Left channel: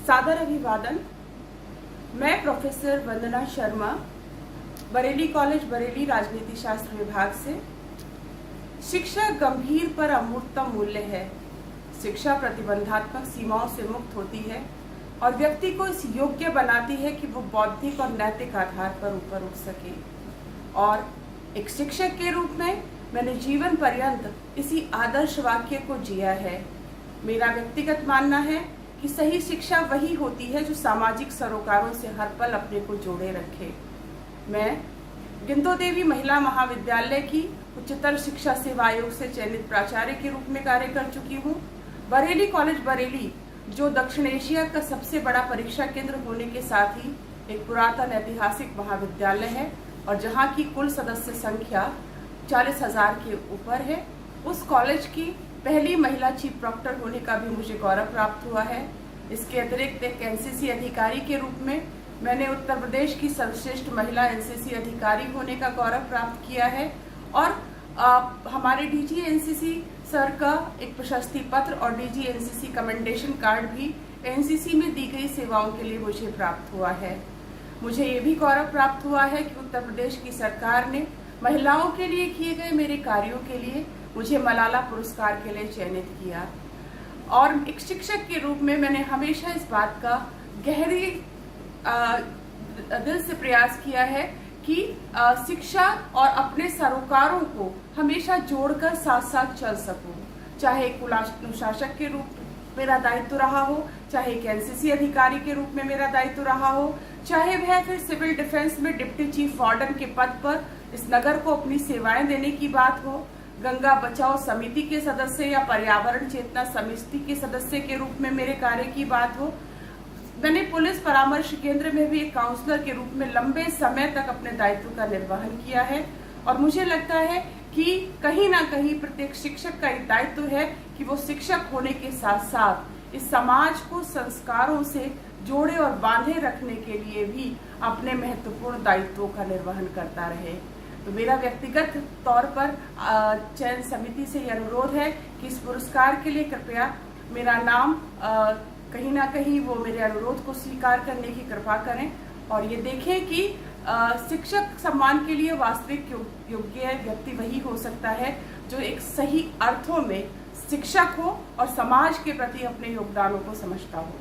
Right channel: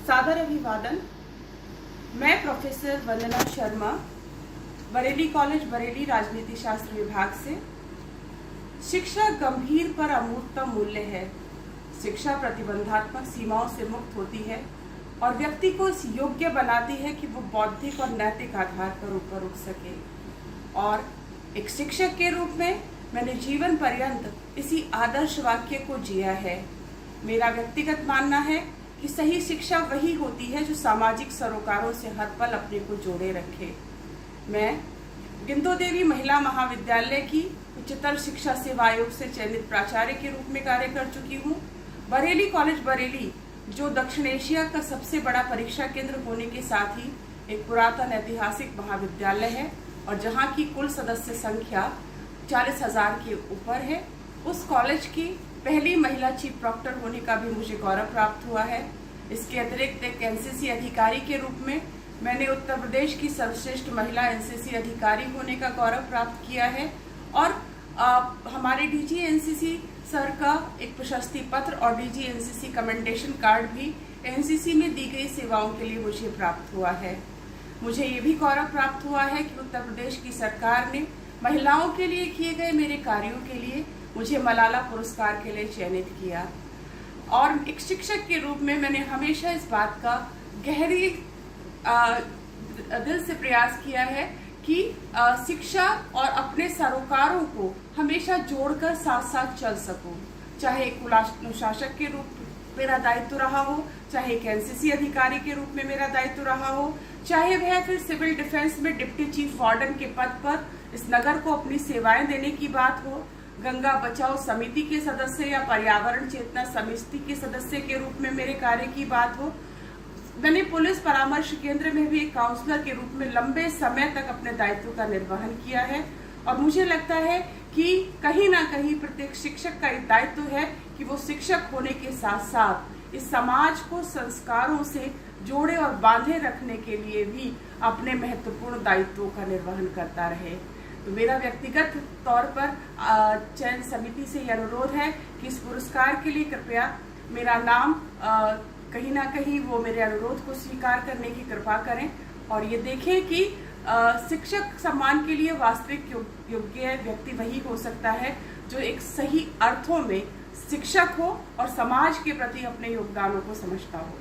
सादर अभिवादन। मैं प्रोफेसर वंदना शर्मा, बरेली कॉलेज बरेली, राजनीति शास्त्र विभाग से। शिक्षा गंभीर पर अमूर्तम मूल्य है। शिक्षा प्रतिबंधात्मक सीमाओं से मुक्त होती है और व्यक्ति को इस योग्य बनाती है कि वो बौद्धिक और नैतिक आधार पर ऊपर उठ सके। और एक शिक्षक के रूप में मैंने जीवन पर्यंत इसी आदर्श वाक्य को जिया है। मेरा व्यक्तिगत मानना है कि सही शिक्षा वही होती है जो सामाजिक सरोकारों से हर पल अपने को जोड़े रखे। मैं गिंदो देवी महिला महाविद्यालय की उच्चतर शिक्षा सेवा आयोग से चयनित प्राचार्य के रूप में कार्य कर चुकी हूँ। बरेली कॉलेज बरेली, जो दक्षिण एशिया का सबसे बड़ा परीक्षा केंद्र होने के साथ ही एक पुरातन ऐतिहासिक महाविद्यालय है और जहाँ की कुल सदस्य संख्या 40,000 के ऊपर है, उस कॉलेज की पहली महिला चीफ प्रॉक्टर होने का भी मुझे गौरव प्राप्त हुआ है। इसके अतिरिक्त एक एनसीसी अधिकारी के रूप में मैंने उत्तर प्रदेश की सर्वश्रेष्ठ महिला एनसीसी अधिकारी होने का गौरव प्राप्त किया है और हमारे डीजी एनसीसी सर का एक प्रशस्ति पत्र और डीजी एनसीसी कमेंडेशन कार्ड भी एनसीसी में दी गई सेवाओं के लिए मुझे प्राप्त हुआ है। मुझे ये भी गौरव प्राप्त हुआ है कि उत्तर प्रदेश की सरकार ने महिलाओं के लिए किए गए मेरे कार्यों के लिए मुझे मलाला पुरस्कार के लिए चयनित किया। और एक शिक्षक के रूप में मैंने हमेशा इस बात का गहरी दिल से प्रयास किया है कि शिक्षा और अपने सरोकारों को हमेशा जोड़कर साथ साथ चल सकूं। चाहे एक अनुशासक के रूप मेरा दायित्व रहा हो, चाहे एक एनसीसी अधिकारी के रूप में मेरा दायित्व रहा हो, चाहे वह फिर सिविल डिफेंस में डिप्टी चीफ वार्डन के पद पर इस नगर को अपनी सेवाएं देने की बात हो, गंगा बचाओ समिति के सदस्य या पर्यावरण चेतना समिति के सदस्य के रूप में मेरे कार्य की बात हो। मैंने पुलिस परामर्श केंद्र में भी एक काउंसलर के रूप में लंबे समय तक अपने दायित्व का निर्वहन किया है और मुझे लगता है कि कहीं ना कहीं प्रत्येक शिक्षक का एक दायित्व है कि वो शिक्षक होने के साथ साथ इस समाज को संस्कारों से जोड़े और बांधे रखने के लिए भी अपने महत्वपूर्ण दायित्वों का निर्वहन करता रहे। तो मेरा व्यक्तिगत तौर पर चयन समिति से यह अनुरोध है कि इस पुरस्कार के लिए कृपया मेरा नाम कहीं ना कहीं वो मेरे अनुरोध को स्वीकार करने की कृपा करें और ये देखें कि शिक्षक सम्मान के लिए वास्तविक योग्य व्यक्ति वही हो सकता है जो एक सही अर्थों में शिक्षक हो और समाज के प्रति अपने योगदानों को समझता हो।